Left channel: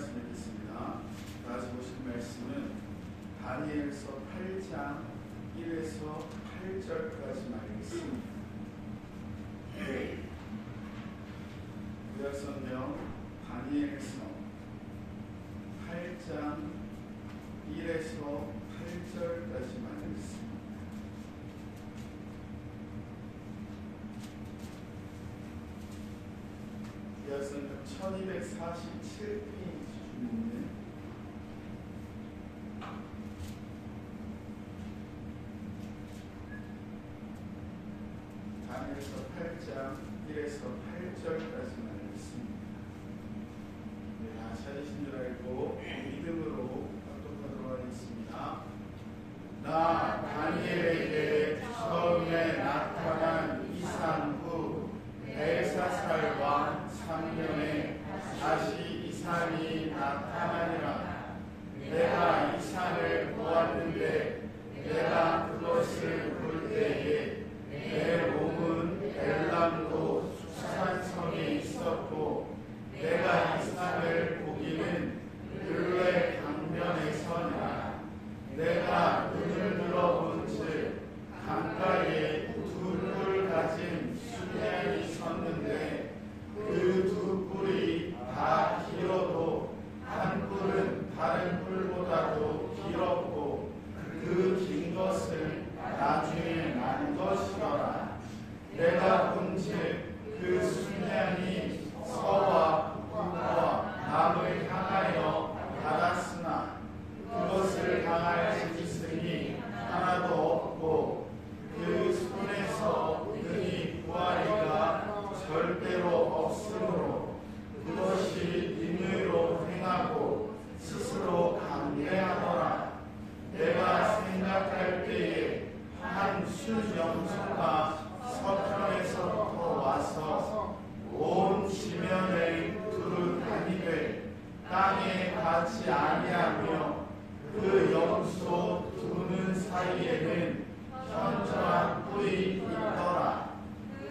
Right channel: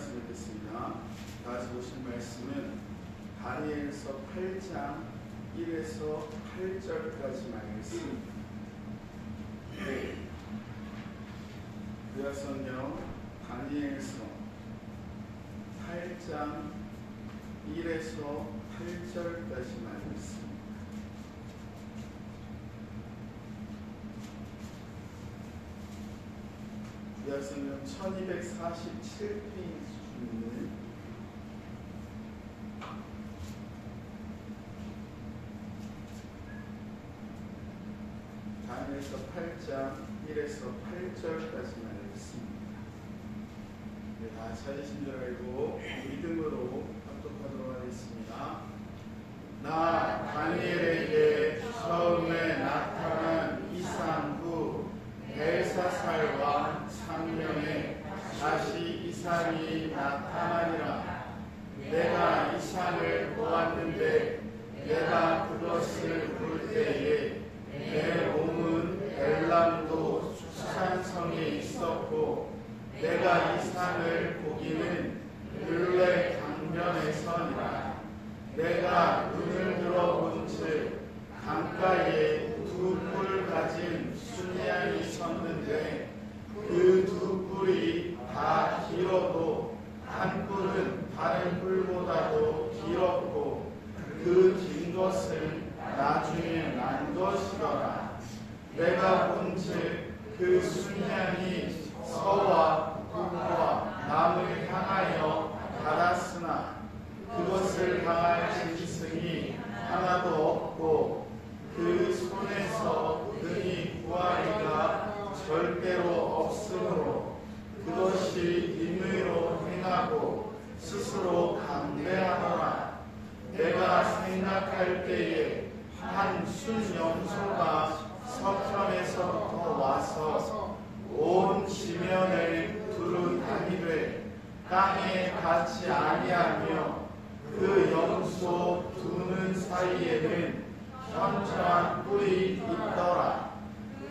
말씀을 듣습니다. 다 같이 보실 말씀은 다니엘서 8장 1에서 8절까지 말씀입니다. 구약성경 다니엘서 8장 1에서 8절까지 말씀. 구약성경 1247페이지 있는 다니엘서 8장 1에서 8절까지 말씀입니다. 다 찾으신 줄 알고 믿음으로 합독하도록 하겠습니다. 나 다니엘에게 처음에 나타난 이상 후 벨사살 왕 3년에 다시 이상이 나타나니라. 내가 이상을 보았는데 내가 그것을 볼 때에 내 몸은 엘람도 수산성에 있었고 내가 이상을 보기는 근래 강변에서니라. 내가 눈을 들어본즉 강가에 두 뿔 가진 순양이 섰는데 그 두 뿔이 다 길어도 한 뿔은 다른 뿔보다도 길었고 그 긴 것을 나중에 난 것이더라. 내가 본즉 그 순양이 서와 북과 남을 향하여 가랐으나 그것을 당할 짐승이 하나도 없고 그 손에서 능히 구하리가 절대로 없으므로 그것이 임의로 행하고 스스로 감대하더라. 내가 생각할 때에 한 순염소가 서편에서부터 와서 온 지면을 두루 다니되 땅에 닿지 아니하며 그 염소 두는 사이에는 현저한 뿔이 있더라.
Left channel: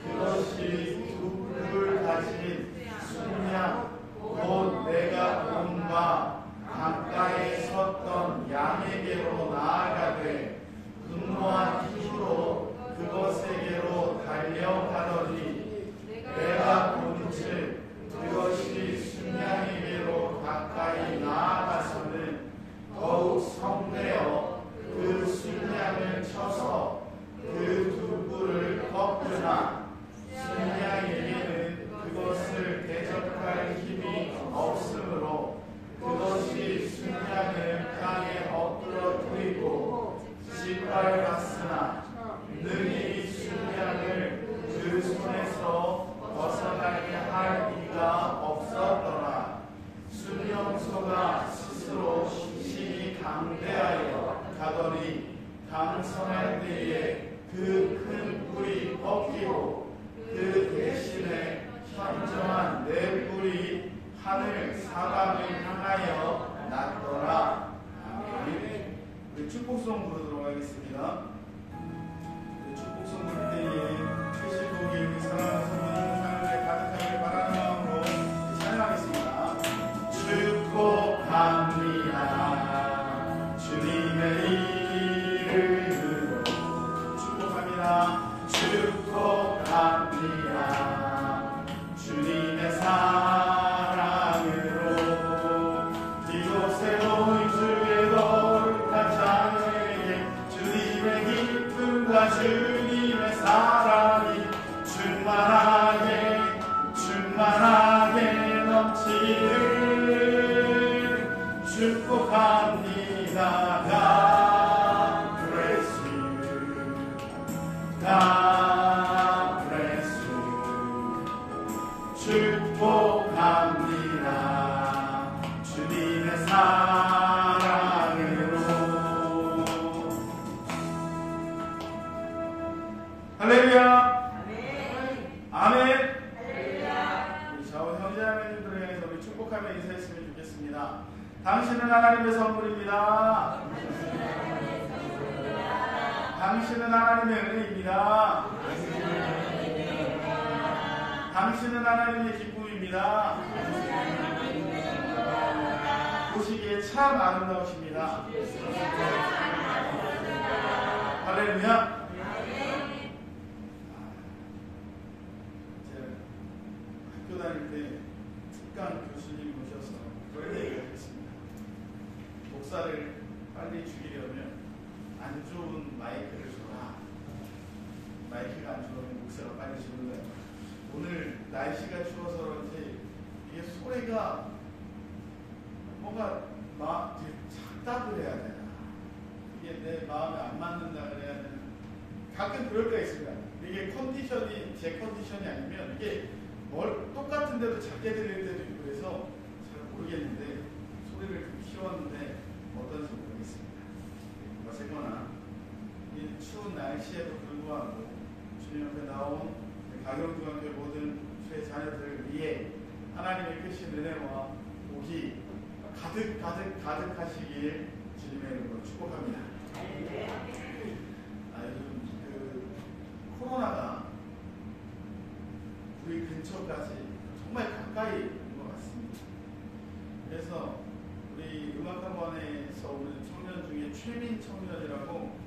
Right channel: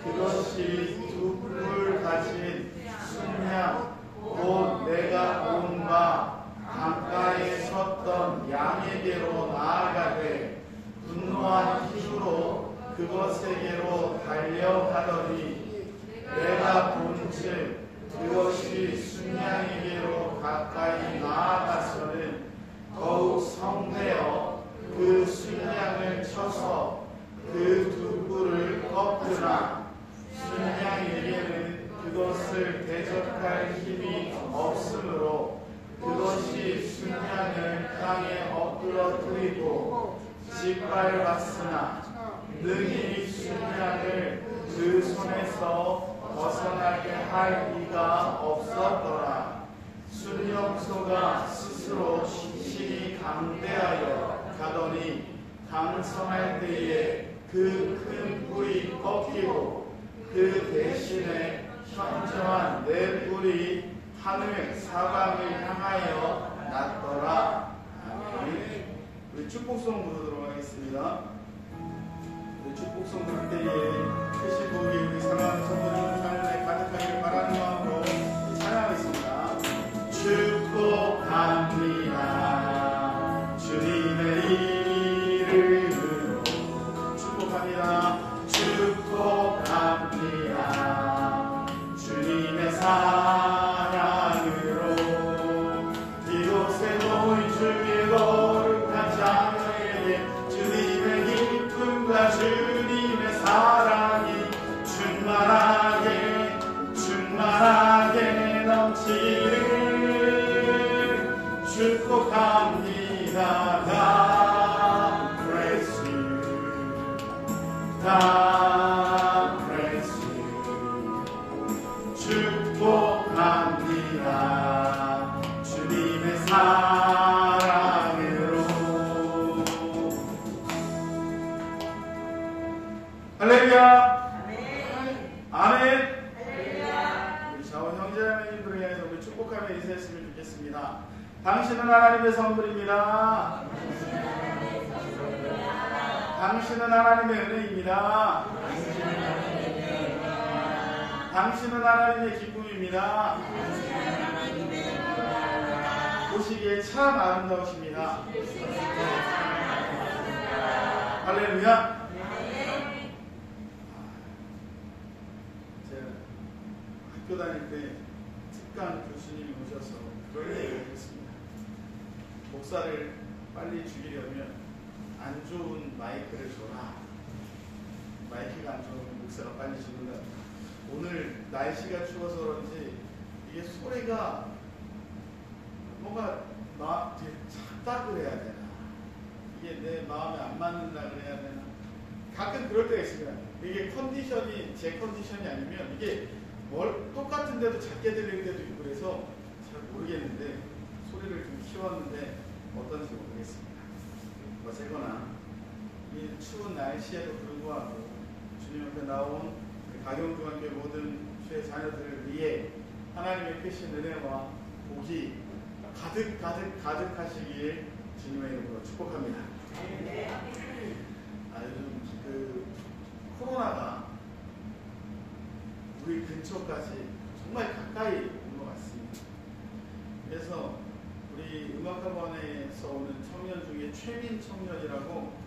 그것이 두 뿔을 가진 순양 곧 내가 본 바 강가에 섰던 양에게로 나아가되 분노한 힘으로 그것에게로 달려가더니 내가 본즉 그것이 순양에게로 가까이 나아가서는 더욱 성되어 그 순양을 쳐서 그 두 뿔을 꺾으나 순양에게는 그것을 대적할 힘이 없으므로 그것이 순양을 땅에 엎드러뜨리고 짓밟았으나 능히 순양을 그 손에서 벗어나게 할 리가 없었더라. 순염소가 스스로 심히 강대하여 가더니 강성할 때에 그 큰 뿔이 꺾이고 그 대신에 현저한 네 뿔이 하늘 사방을 향하여 났더라. 아멘. 우리 축복송 부르도록 하겠습니다. 축복송 부를 때에 크신 복이 우리 사랑하는 성도들 삶에 가득하기를 바라는 마음으로 찬양하겠습니다. 축복합니다. 주님의 이름으로 축복합니다. 축복합니다. 주님의 사랑으로 이곳에 모인 주의 거룩한 자녀에게 주님의 기쁨과 주님의 사랑이 충만하게 넘치는 축복합니다. God bless you. God bless you. 축복합니다. 주님의 사랑으로. 할렐루야. 아멘. 우리 좌우 형제자매님들을 향해서 우리 축복하며 인사했으면 좋겠습니다. 당신은 하나님의 선물입니다. 당신은 하나님의 은혜입니다. 당신은 하나님의 기쁨입니다. 보시기에 참 아름다우십니다. 할렐루야. 제가 학교 다닐 때 특강 교수님이 오셔서 그런 얘기를 했습니다. 목사를 빨리 죽이려면 안 좋은 마이크를 줘라. 마이크가 안 좋으면 목사가 빨리 죽는 거야. 오늘 날씨가 추워서 그런지 이게 소리가 뭔가 작다그래야 되나, 이게 내 마음에 안 맞는다 그래야 되나, 가끔 그럴 때가 있습니다. 이게 컨디션이 제 컨디션이 아니면 이게 똑같은데도 작게 들릴 때도 있고 그래서 잘 모르겠는데 소리를 좀 키웠는데 어떤지 모르겠습니다. 어쨌거나 이 추운 날씨에도 불구하고 주님 앞에 나온 가경중학교 모든 주의 자녀들을 위해 하나님의 크신 은혜와 복이 가득하시길 주님의 이름으로 축복합니다. 요즘 그 코로나가 우리 근처까지 정말 가까이 온 것 같습니다. 그래서 우리 음악학원에서 오는 청년 중에 최민 청년이라고,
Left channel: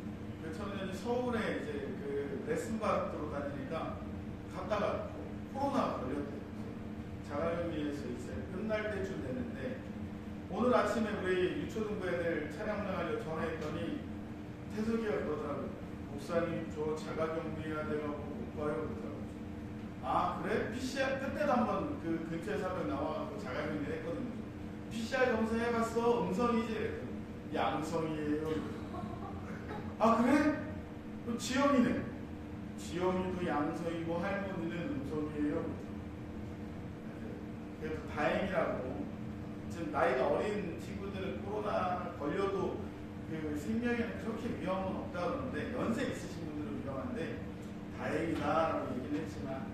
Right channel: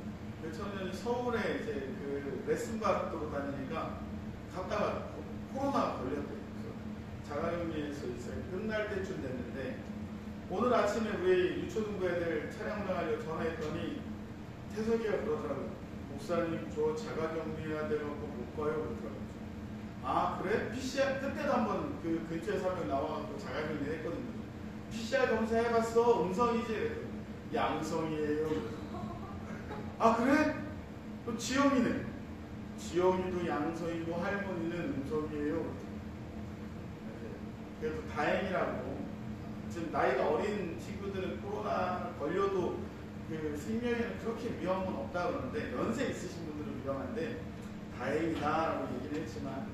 그 청년이 서울에 이제 그 레슨 받으러 다니니까 갔다가 코로나가 걸렸대요. 자가격리에서 이제 끝날 때쯤 됐는데 오늘 아침에 우리 유초등부 애들 차량 나가려고 전화했더니 태석이가 그러더라고요. 목사님 저 자가격리해야 돼가지고 못 가요 그러더라고요. 아 그래? PCR 그때도 한번 그 근처에서 한 명 나와서 자가격리 했거든요. PCR 검사 해봤어? 음성이지? 그랬더니 양성이에요. 아 그래? 그럼 지영이는? 지영이도 양성이고 할머니는 음성이에요. 그래도 다행이라고. 지금 나이가 어린 친구들은 코로나 걸려도 그 생명에는 그렇게 위험은 없다 그러는데 연세 있으신 분들은 위험한데 다행이다라고 얘기는 했지만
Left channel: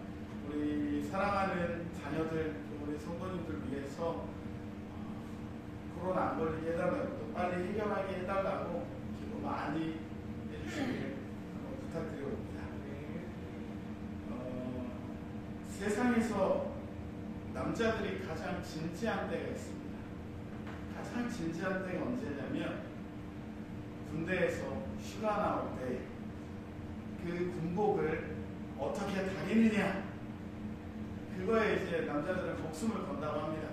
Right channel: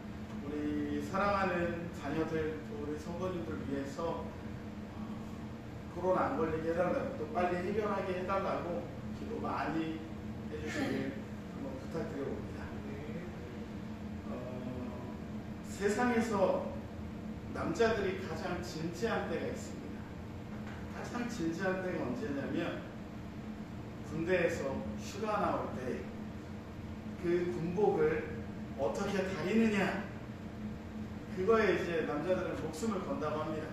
우리 사랑하는 자녀들 또 우리 성도님들 위해서 코로나 안 걸리게 해달라고, 또 빨리 해결하게 해달라고 기도 많이 해주시길 부탁드려봅니다. 세상에서 남자들이 가장 진지한 때가 있습니다. 가장 진지한 때가 언제냐면 군대에서 휴가 나올 때 그 군복을 어떻게 다리느냐, 그거에 이제 남자들은 목숨을 건다고 합니다.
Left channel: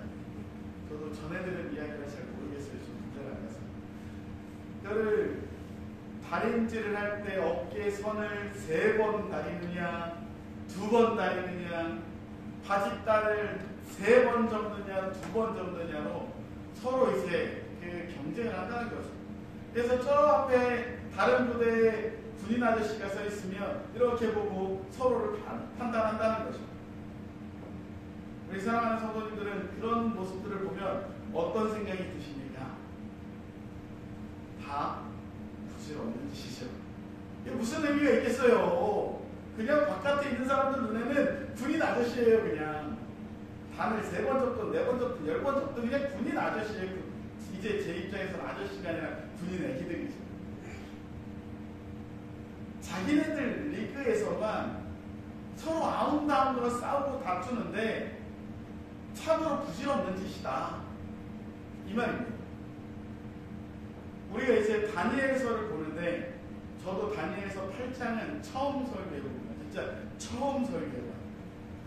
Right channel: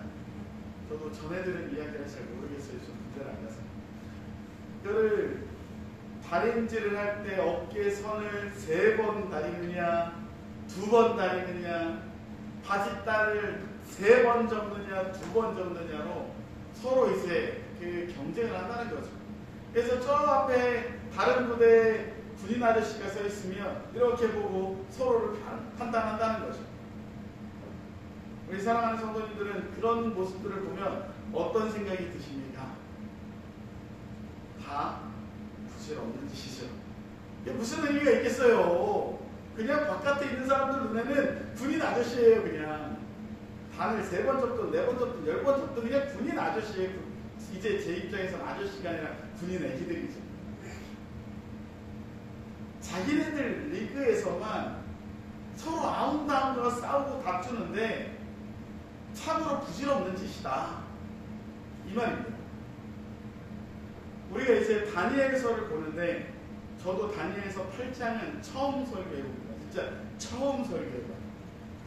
저도 전해 들은 이야기를 잘 모르겠어요. 좀 군대를 안 가서. 그거를 다림질을 할 때 어깨 선을 3번 다리느냐 2번 다리느냐, 바짓단을 3번 접느냐 2번 접느냐로 서로 이제 그 경쟁을 한다는 거죠. 그래서 저 앞에 다른 부대 군인 아저씨가 서 있으면 이렇게 보고 서로를 판단한다는 거죠. 우리 사랑하는 성도님들은 그런 모습들을 보면 어떤 생각이 드십니까? 다 부질없는 짓이죠. 이게 무슨 의미가 있겠어요? 그냥 바깥에 있는 사람들 눈에는 군인 아저씨예요. 그냥 단을 3번 접든 4번 접든 10번 접든 그냥 군인 아저씨예요. 이제 제 입장에서는 아저씨가 아니라 군인 애기들이죠. 자기네들 리그에서만 서로 아웅다웅으로 싸우고 다투는데 참으로 부질없는 짓이다, 이 말입니다. 우리가 이제 다니엘서를 보는데 저도 다니엘서 8장은 처음 설교해봅니다. 진짜 처음 설교해봐요.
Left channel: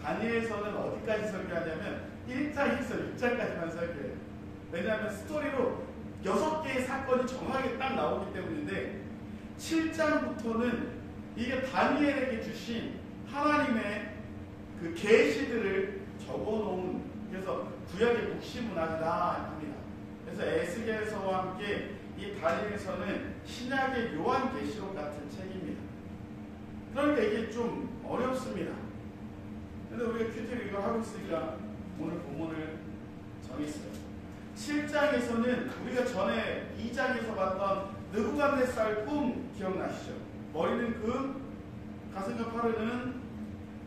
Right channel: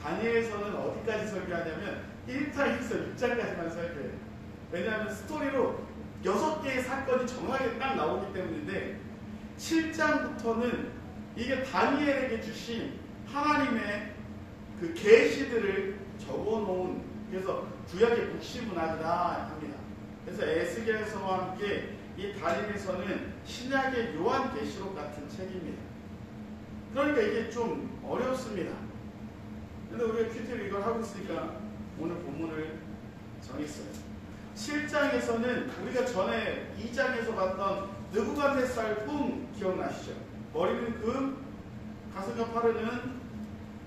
다니엘서는 어디까지 설교하냐면 1장에서 6장까지만 설교해요. 왜냐하면 스토리로 6개의 사건이 정확하게 딱 나오기 때문인데 7장부터는 이게 다니엘에게 주신 하나님의 그 계시들을 적어놓은, 그래서 구약의 묵시문학이다 합니다. 그래서 에스겔서와 함께 이 다니엘서는 신약의 요한계시록 같은 책입니다. 그러니까 이게 좀 어렵습니다. 근데 우리가 큐티를 이걸 하고 있으니까 오늘 본문을 정했어요. 7장에서는 우리가 전에 2장에서 봤던 느부갓네살 꿈 기억나시죠? 머리는 금, 가슴과 팔은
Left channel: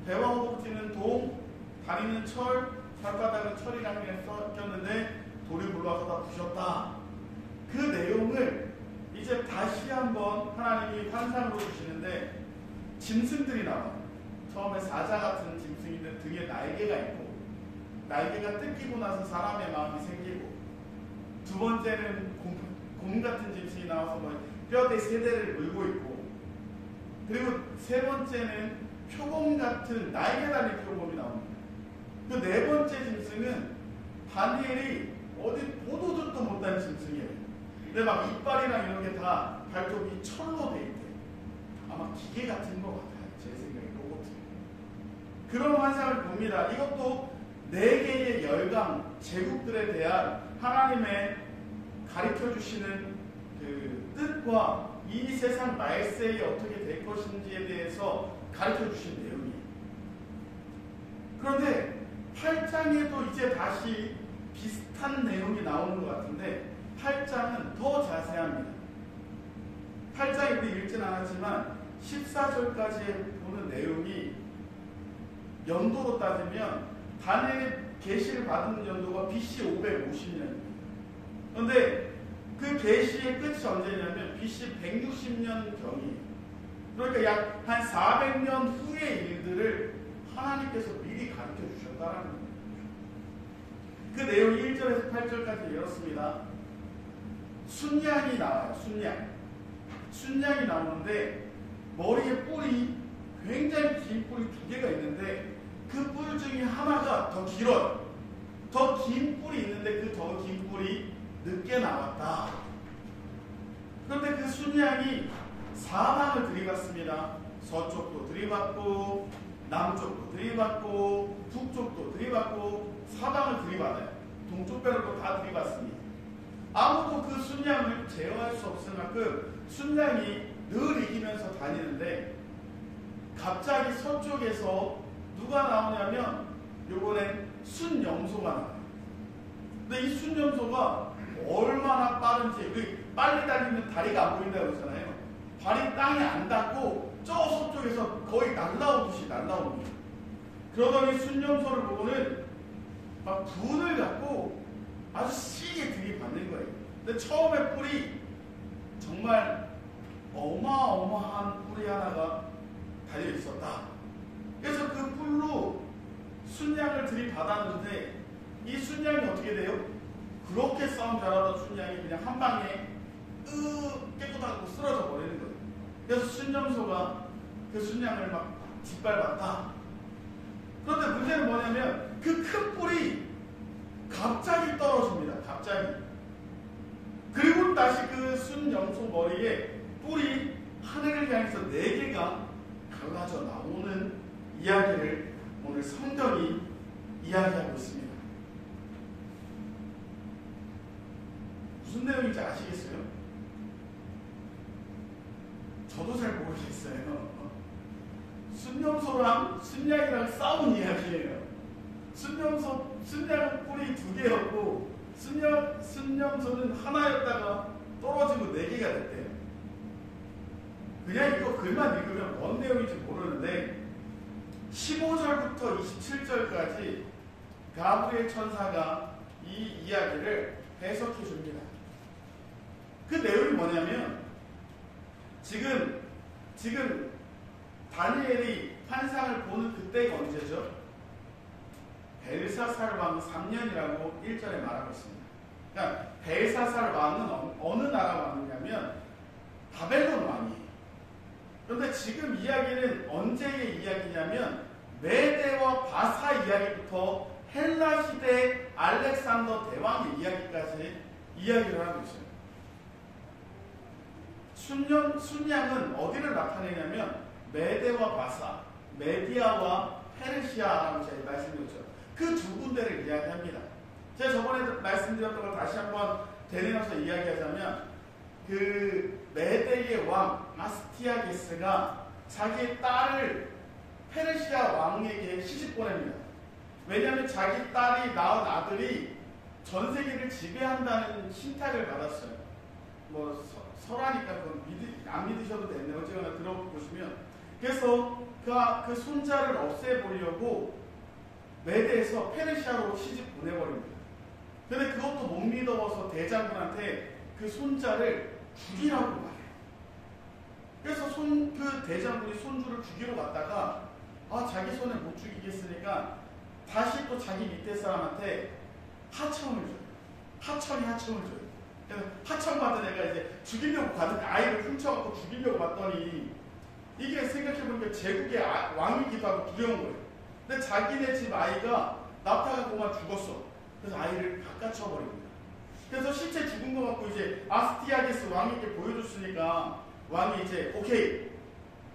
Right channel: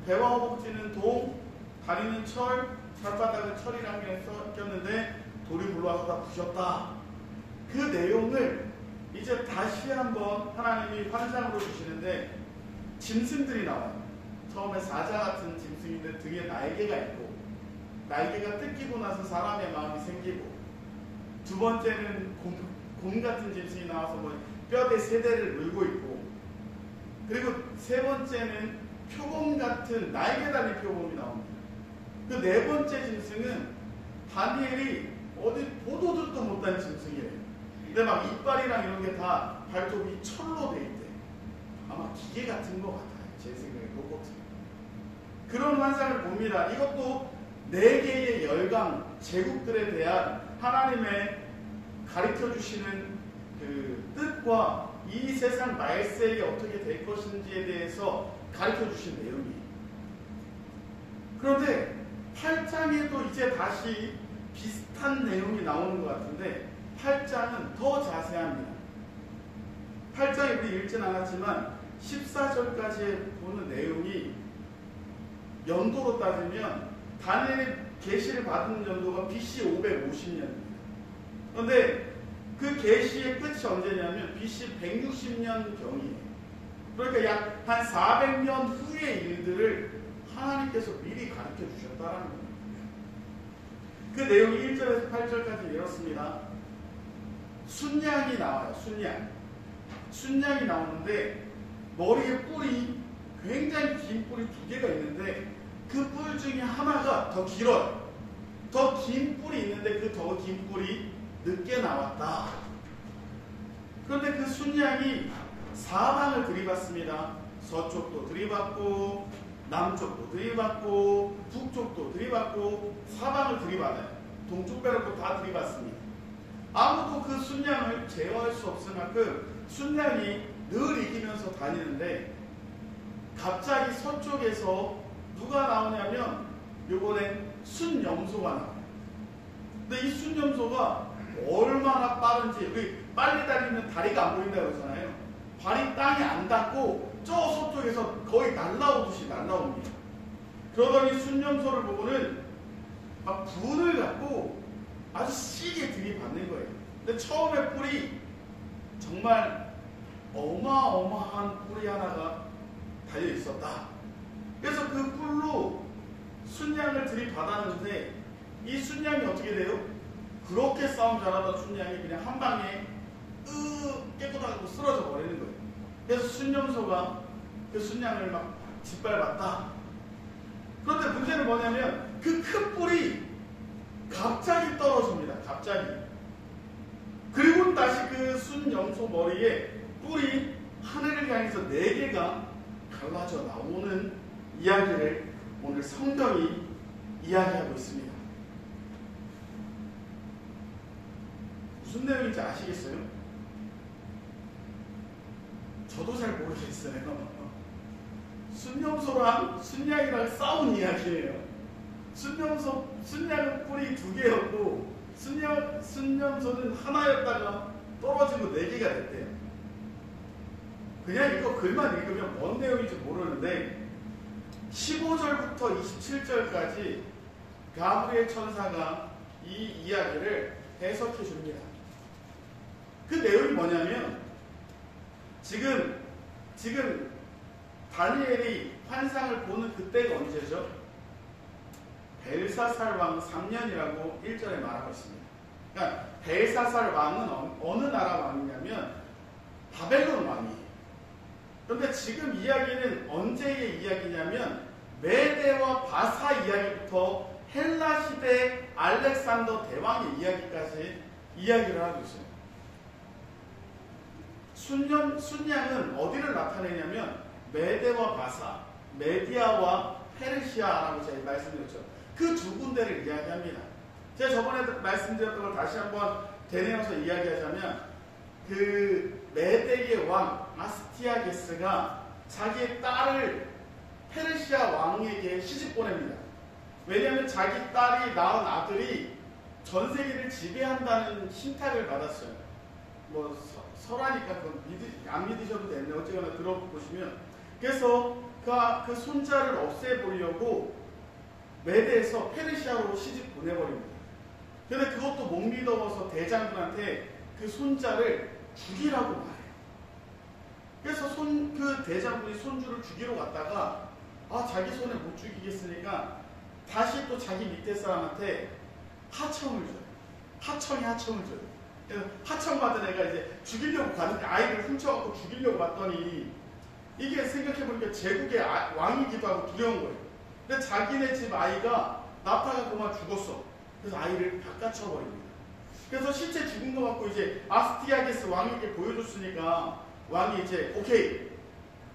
배와 허벅지는 동, 다리는 철, 발바닥은 철이랑 그냥 섞였는데 돌이 굴러와서 다 부셨다. 그 내용을 이제 다시 한번 하나님이 환상으로 주시는데 짐승들이 나와요. 처음에 사자 같은 짐승인데 등에 날개가 있고, 날개가 뜯기고 나서 사람의 마음이 생기고, 두 번째는 곰 같은 짐승이 나와서 뭐 뼈대 세 대를 물고 있고, 그리고 세 번째는 표범 같은 날개 달린 표범이 나옵니다. 그 네 번째 짐승은 다니엘이 어디 보도 듣도 못한 짐승이에요. 근데 막 이빨이랑 이런 게 다 발톱이 철로 돼 있대. 아마 기계 같은 것 같아요. 제 생각에 로봇. 그런 환상을 봅니다. 이것도 네 개의 열강 제국들에 대한 하나님의 가르쳐 주시는 그 뜻과 이 세상 말세에 어떻게 될 것인지에 대해서 가르쳐 주신 내용이에요. 그런데 8장에도 이제 다시 비슷한 내용이 나오는 것 같은데 8장은 더 자세합니다. 8장에 우리 읽진 않았지만 14절까지 보는 내용이 연도로 따지면 다니엘이 계시를 받은 연도가 BC 550년입니다. 그런데 그 계시의 끝이 언제냐면 BC 160년경이에요. 그러니까 약 한 400년 후의 일들을 하나님께서 미리 가르쳐 주셨다라는 겁니다. 그 내용이 1절에서 8절까지 이렇습니다. 순양이 나와요. 순양이 나오는데 머리에 뿔이 굉장히 긴 뿔이 두 개가 있는데 그 뿔 중에 하나가 더 길어요. 더 긴 뿔이 있는데 그 더 긴 뿔이 늦게 나왔다. 그런데 그 순양이 사방을 들이받습니다. 서쪽도 들이받고 남쪽도 들이받고 북쪽도 들이받고 사방을 들이받아요. 동쪽 빼놓고 다 들이받습니다. 아무도 그 순양을 제어할 수 없을 만큼 순양이 늘 이기면서 다니는데 갑자기 서쪽에서 누가 나오냐면 요번엔 순염소가 나와요. 근데 이 순염소가 얼마나 빠른지, 우리 빨리 달리면 다리가 안 보인다고 그러잖아요. 발이 땅에 안 닿고 저 서쪽에서 거의 날라오듯이 날라옵니다. 그러더니 순염소를 보고는 막 분을 갖고 아주 세게 들이받는 거예요. 근데 처음에 뿔이 정말 어마어마한 뿔이 하나가 달려 있었다. 그래서 그 뿔로 순양을 들이받았는데 이 순양이 어떻게 돼요? 그렇게 싸움 잘하던 순양이 그냥 한 방에 깨끗하고 쓰러져 버리는 거예요. 그래서 순염소가 그 순양을 막 짓밟았다. 그런데 문제는 뭐냐면 그 큰 뿔이 갑자기 떨어집니다. 갑자기. 그리고 다시 그 순염소 머리에 뿔이 하늘을 향해서 4개가 갈라져 나오는 이야기를 오늘 성경이 이야기하고 있습니다. 무슨 내용인지 아시겠어요? 저도 잘 모르겠어요. 순염소랑 순양이랑 싸운 이야기예요. 순양은 뿔이 2개였고 순염소는 하나였다가 떨어지고 4개가 됐대요. 그냥 이거 글만 읽으면 뭔 내용인지 모르는데 15절부터 27절까지 가브리엘 천사가 이 이야기를 해석해 줍니다. 그 내용이 뭐냐면 지금 다니엘이 환상을 보는 그때가 언제죠? 벨사살 왕 3년이라고 1절에 말하고 있습니다. 그러니까 벨사살 왕은 어느 나라 왕이냐면 바벨론 왕이에요. 그런데 지금 이야기는 언제의 이야기냐면 메대와 바사 이야기부터 헬라 시대 알렉산더 대왕의 이야기까지 이야기를 하고 있어요. 순양은 어디를 나타내냐면 메대와 바사, 메디아와 페르시아라고 제가 말씀드렸죠. 그 두 군데를 이야기합니다. 제가 저번에 말씀드렸던 걸 다시 한번 되뇌어서 이야기하자면 그 메대의 왕 아스티아게스가 자기의 딸을 페르시아 왕에게 시집 보냅니다. 왜냐하면 자기 딸이 낳은 아들이 전 세계를 지배한다는 신탁을 받았어요. 뭐 설하니까 안 믿으셔도 되는데 어쨌거나 들어보시면, 그래서 그 손자를 없애보려고 메대에서 페르시아로 시집 보내버립니다. 근데 그것도 못 믿어서 대장군한테 그 손자를 죽이라고 말해요. 그래서 그 대장군이 손주를 죽이러 갔다가 자기 손에 못 죽이겠으니까 다시 또 자기 밑에 사람한테 하청을 줘요. 하청이 하청을 줘요. 그래서 하청 받은 애가 이제 죽이려고 가는데 아이를 훔쳐갖고 죽이려고 봤더니 이게 생각해보니까 제국의 왕이기도 하고 두려운 거예요. 근데 자기네 집 아이가 나타나고만 죽었어. 그래서 아이를 바꿔쳐버립니다. 그래서 실제 죽은 거 갖고 이제 아스티아게스 왕에게 보여줬으니까 왕이 이제 오케이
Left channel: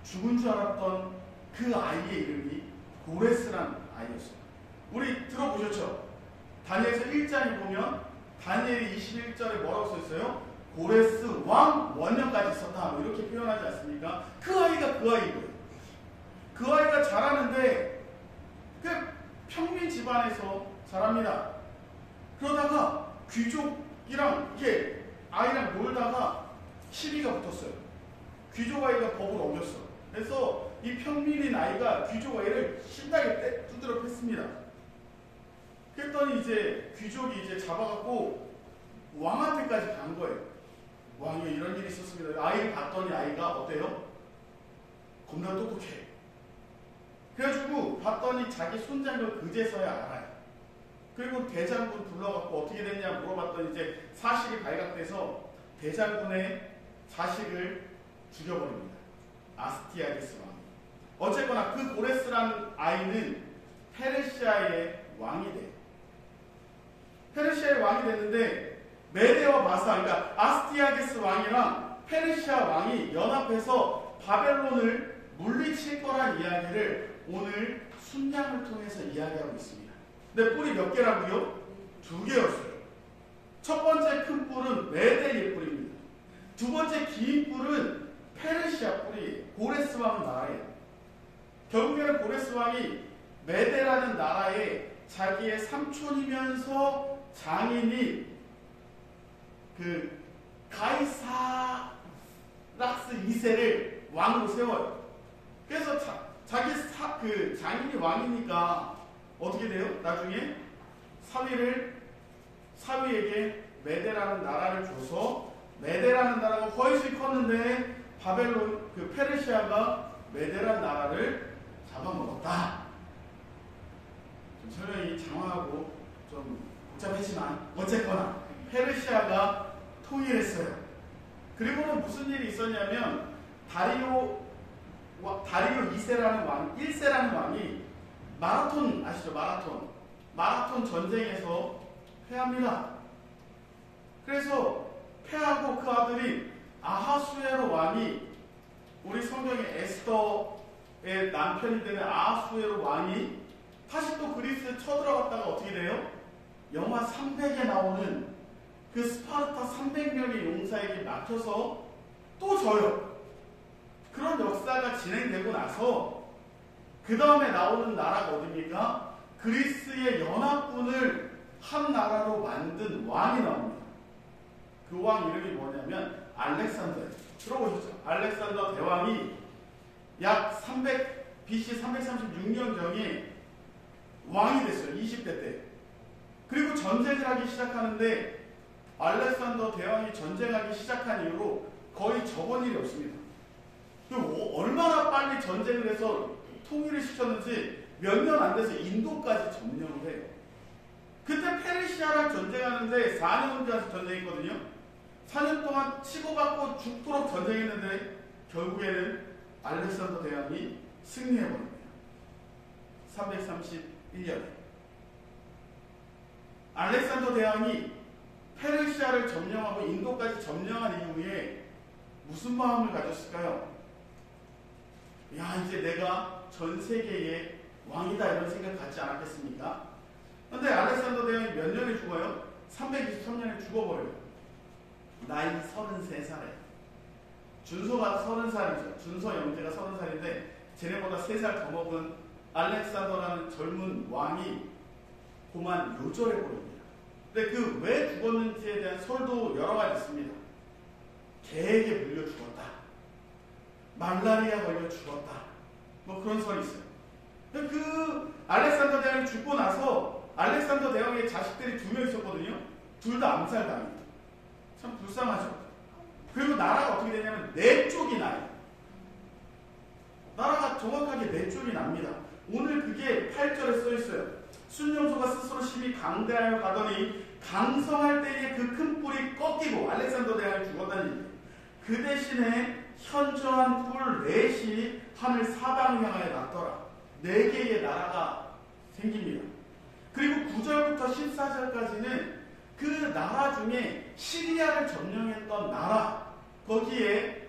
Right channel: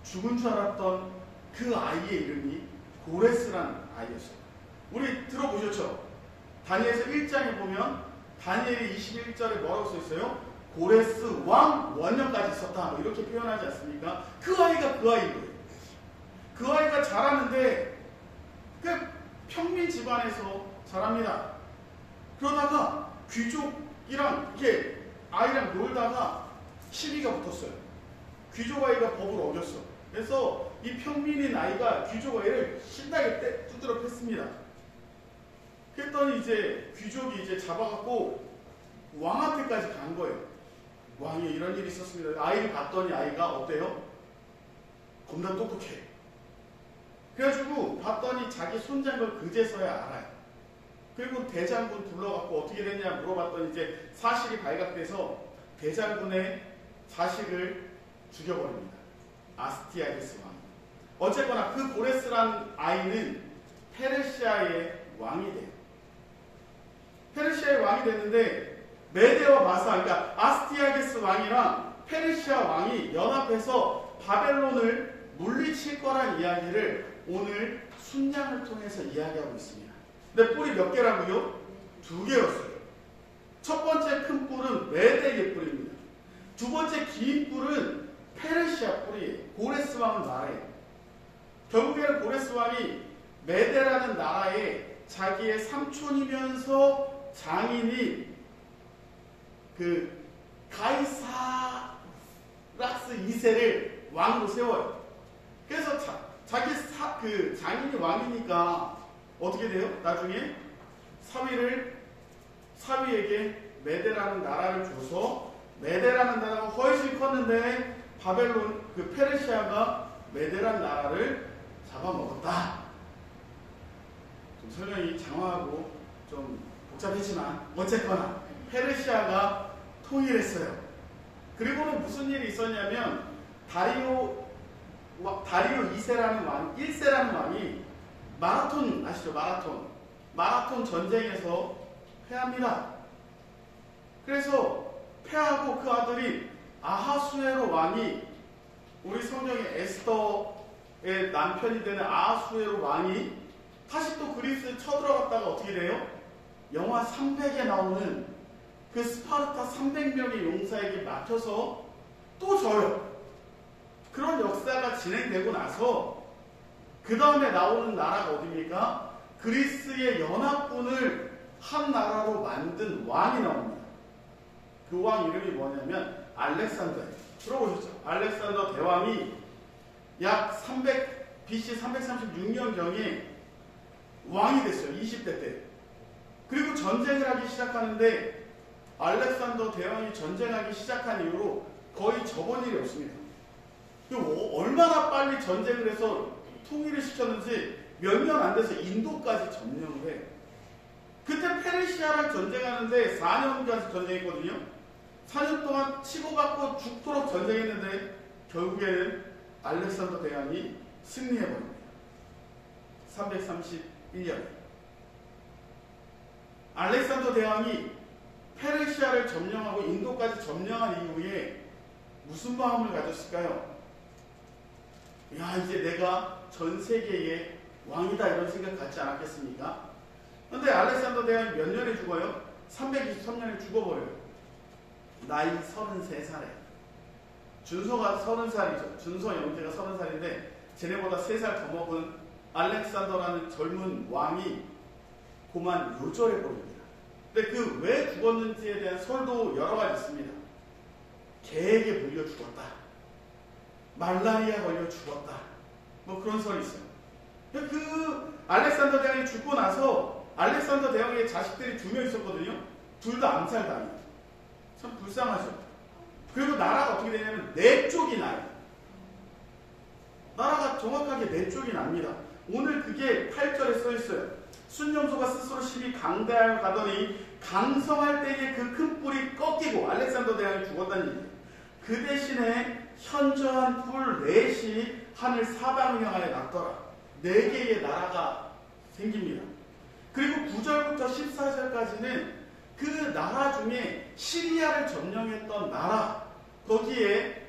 죽은 줄 알았던 그 아이의 이름이 고레스란 아이였어요. 우리 들어보셨죠? 다니엘서 1장에 보면 다니엘이 21절에 뭐라고 써있어요? 고레스 왕 원년까지 있었다 뭐 이렇게 표현하지 않습니까? 그 아이가 그 아이인 거예요. 그 아이가 자라는데 그 평민 집안에서 자랍니다. 그러다가 귀족이랑 이렇게 아이랑 놀다가 시비가 붙었어요. 귀족 아이가 법을 어겼어. 그래서 이 평민인 아이가 귀족 아이를 신나게 두드려 팼습니다. 그랬더니 이제 귀족이 이제 잡아갖고 왕한테까지 간 거예요. 왕이 이런 일이 있었습니다. 아이를 봤더니 아이가 어때요? 겁나 똑똑해. 그래가지고 봤더니 자기 손장을 그제서야 알아요. 그리고 대장군 불러갖고 어떻게 됐냐 물어봤더니 이제 사실이 발각돼서 대장군의 자식을 죽여버립니다. 아스티아게스 왕. 어쨌거나 그 고레스란 아이는 페르시아의 왕이 돼요. 페르시아의 왕이 됐는데 메데와 마사, 그러니까 아스티아게스 왕이랑 페르시아 왕이 연합해서 바벨론을 물리칠 거란 이야기를 오늘 순장을 통해서 이야기하고 있습니다. 근데 뿔이 몇 개라고요? 2개였어요. 첫 번째 큰 뿔은 메데의 뿔입니다. 두 번째 긴 뿔은 페르시아 뿔이에요. 고레스 왕을 말해요. 결국에는 고레스 왕이 메데라는 나라에 자기의 삼촌이면서 장인이 그 가이사락스 2세를 왕으로 세워요. 그래서 자기 그 장인이 왕이니까 어떻게 돼요? 나중에 사위에게 메데라는 나라를 줘서 메데라는 나라가 훨씬 컸는데 바벨론 그 페르시아가 메데라는 나라를 잡아먹었다. 좀 설명이 장황하고 좀 복잡했지만 어쨌거나 페르시아가 통일했어요. 그리고는 무슨 일이 있었냐면 다리오 2세라는 왕, 1세라는 왕이 마라톤 아시죠? 마라톤 전쟁에서 패합니다. 그래서 패하고 그 아들이 아하수에로 왕이 우리 성경의 에스더의 남편이 되는 아하수에로 왕이 다시 또 그리스에 쳐들어갔다가 어떻게 돼요? 영화 300에 나오는 그 스파르타 300명의 용사에게 막혀서 또 져요. 그런 역사가 진행되고 나서 그 다음에 나오는 나라가 어디입니까? 그리스의 연합군을 한 나라로 만든 왕이 나옵니다. 그 왕 이름이 뭐냐면 알렉산더예요. 들어보셨죠? 알렉산더 대왕이 약 BC 336년경에 왕이 됐어요. 20대 때. 그리고 전쟁을 하기 시작하는데 알렉산더 대왕이 전쟁하기 시작한 이후로 거의 접은 일이 없습니다. 얼마나 빨리 전쟁을 해서 통일을 시켰는지 몇 년 안 돼서 인도까지 점령을 해요. 그때 페르시아랑 전쟁하는데 4년간 전쟁했거든요. 4년 동안 치고받고 죽도록 전쟁했는데 결국에는 알렉산더 대왕이 승리해버립니다. 331년에 알렉산더 대왕이 페르시아를 점령하고 인도까지 점령한 이후에 무슨 마음을 가졌을까요? 야, 이제 내가 전 세계의 왕이다 이런 생각 갖지 않았겠습니까? 그런데 알렉산더 대왕이 몇 년에 죽어요? 323년에 죽어버려요. 나이 33살에. 준서가 30살이죠. 준서 영제가 30살인데 쟤네보다 3살 더 먹은 알렉산더라는 젊은 왕이 고만 요절해 버립니다. 근데 그 왜 죽었는지에 대한 설도 여러 가지 있습니다. 개에게 물려 죽었다. 말라리아 걸려 죽었다. 뭐 그런 설이 있어요. 그 알렉산더 대왕이 죽고 나서 알렉산더 대왕의 자식들이 2명 있었거든요. 둘 다 암살당해요. 참 불쌍하죠. 그리고 나라가 어떻게 되냐면 4쪽이 나요. 나라가 정확하게 4쪽이 납니다. 오늘 그게 8절에 써 있어요. 순념소가 스스로 심히 강대하여 가더니 강성할 때에 그 큰 뿔이 꺾이고 알렉산더 대왕이 죽었다니 그 대신에 현저한 뿔 넷이 하늘 사방향하에 났더라. 4개의 나라가 생깁니다. 그리고 9절부터 14절까지는 그 나라 중에 시리아를 점령했던 나라, 거기에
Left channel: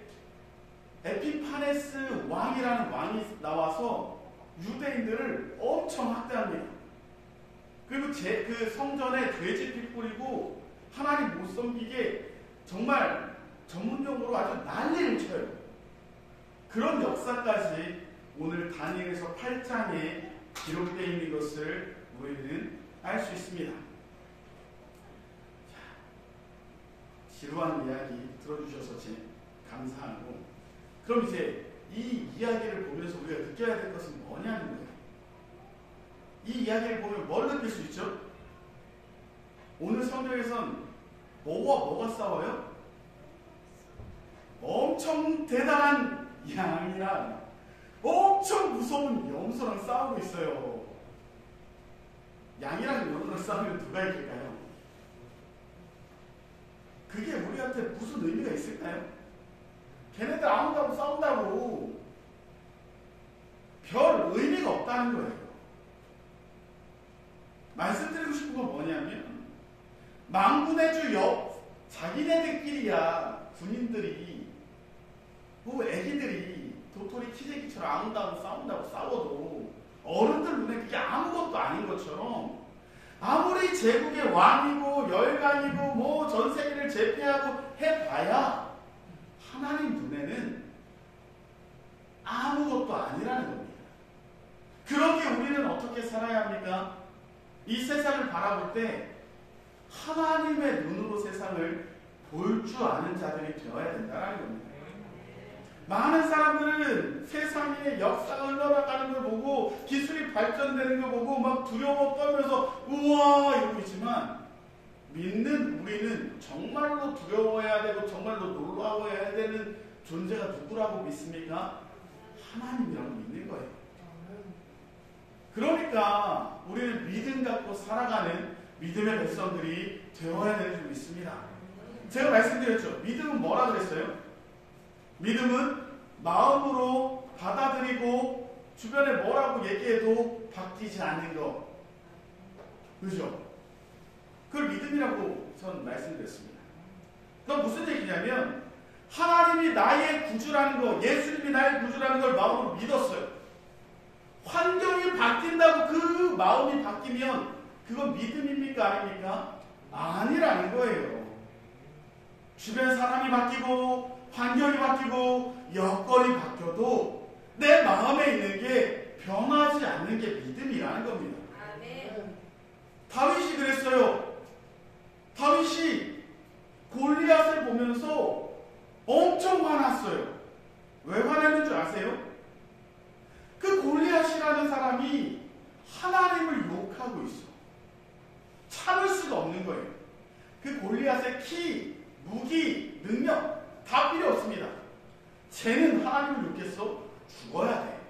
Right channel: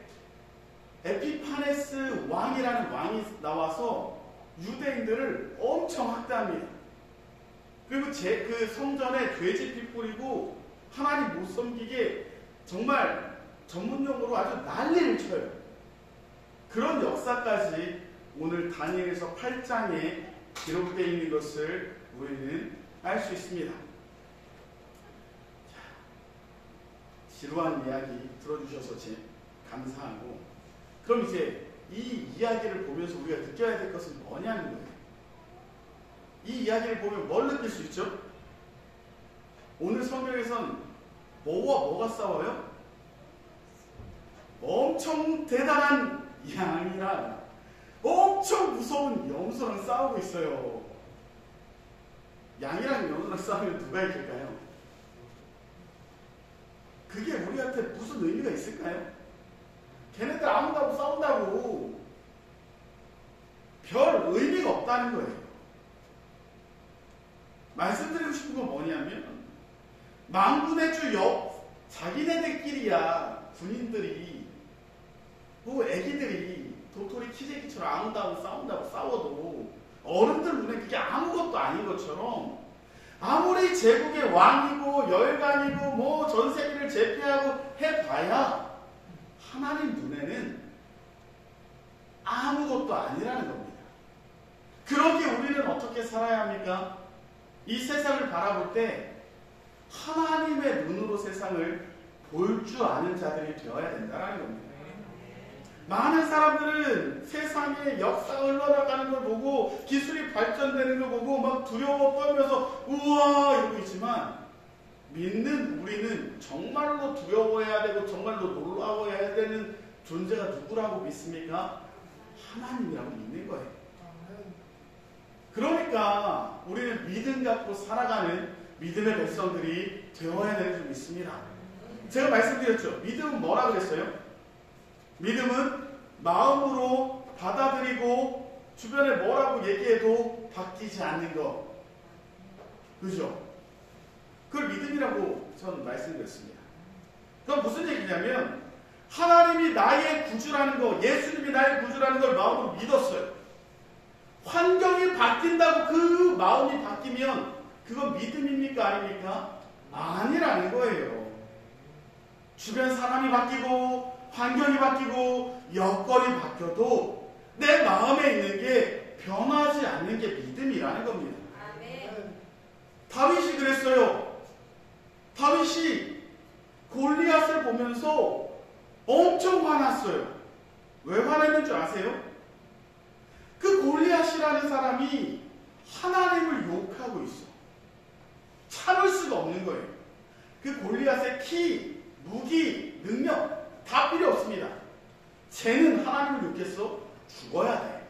에피파네스 왕이라는 왕이 나와서 유대인들을 엄청 학대합니다. 그리고 그 성전에 돼지피 뿌리고 하나님 못 섬기게 정말 전문용어로 아주 난리를 쳐요. 그런 역사까지 오늘 다니엘서 8장에 기록되어 있는 것을 우리는 알 수 있습니다. 자, 지루한 이야기 들어주셔서 감사하고, 그럼 이제 이 이야기를 보면서 우리가 느껴야 될 것은 뭐냐는 거예요. 이 이야기를 보면 뭘 느낄 수 있죠? 오늘 성경에선 뭐가 싸워요? 엄청 대단한 양이랑 엄청 무서운 염소랑 싸우고 있어요. 양이랑 염소랑 싸우면 누가 이길까요? 그게 우리한테 무슨 의미가 있을까요? 걔네들 아무다고 싸운다고 별 의미가 없다는 거예요. 말씀드리고 싶은 건 뭐냐면 만군의 주 자기네들끼리야 군인들이 애기들이 도토리 키재기처럼 아무다고 싸워도 어른들 눈에 그게 아무것도 아닌 것처럼 아무리 제국의 왕이고 열강이고 뭐 전세계를 제패하고 해봐야 하나님 눈에는 아무것도 아니라는 겁니다. 그러기에 우리는 어떻게 살아야 합니까? 이 세상을 바라볼 때 하나님의 눈으로 세상을 볼 줄 아는 자들이 되어야 된다는 겁니다. 많은 사람들은 세상의 역사가 흘러나가는 걸 보고 기술이 발전되는 걸 보고 막 두려워 떨면서 우와 이러고 있지만, 믿는 우리는 정말로 두려워해야 되고 정말로 놀라워해야 되는 존재가 누구라고 믿습니까? 하나님이라고 믿는 거예요. 그러니까 우리는 믿음 갖고 살아가는 믿음의 백성들이 되어야 되는 줄 믿습니다. 제가 말씀드렸죠. 믿음은 뭐라 그랬어요? 믿음은 마음으로 받아들이고 주변에 뭐라고 얘기해도 바뀌지 않는 것. 그죠? 그걸 믿음이라고 저는 말씀드렸습니다. 그건 무슨 얘기냐면 하나님이 나의 구주라는 거, 예수님이 나의 구주라는 걸 마음으로 믿었어요. 환경이 바뀐다고 그 마음이 바뀌면 그건 믿음입니까? 아닙니까? 아니라는 거예요. 주변 사람이 바뀌고 환경이 바뀌고 여건이 바뀌어도 내 마음에 있는 게 변하지 않는 게 믿음이라는 겁니다. 다윗이 그랬어요. 다윗이 골리앗을 보면서 엄청 화났어요. 왜 화냈는 줄 아세요? 그 골리앗이라는 사람이 하나님을 욕하고 있어. 참을 수가 없는 거예요. 그 골리앗의 키, 무기, 능력 다 필요 없습니다. 쟤는 하나님을 욕했어? 죽어야 돼.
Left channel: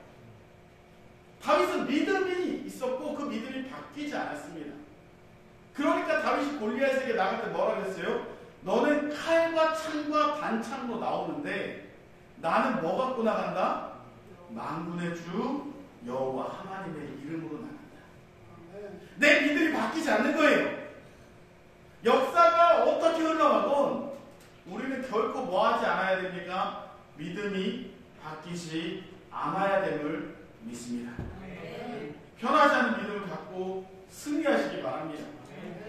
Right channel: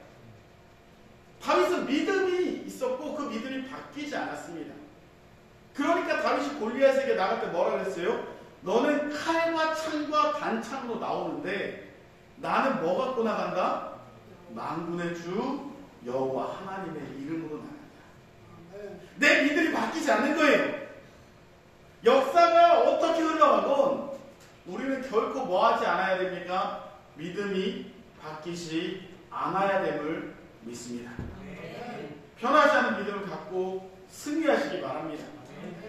다윗은 믿음이 있었고 그 믿음이 바뀌지 않았습니다. 그러니까 다윗이 골리앗에게 나갈 때 뭐라 그랬어요? 너는 칼과 창과 단창으로 나오는데 나는 뭐 갖고 나간다? 만군의 주 여호와 하나님의 이름으로 나간다. 내 믿음이 바뀌지 않는 거예요. 역사가 어떻게 흘러가건 우리는 결코 뭐 하지 않아야 됩니까? 믿음이 바뀌지 않아야 됨을 믿습니다. 변하지 않은 믿음을 갖고 승리하시기 바랍니다.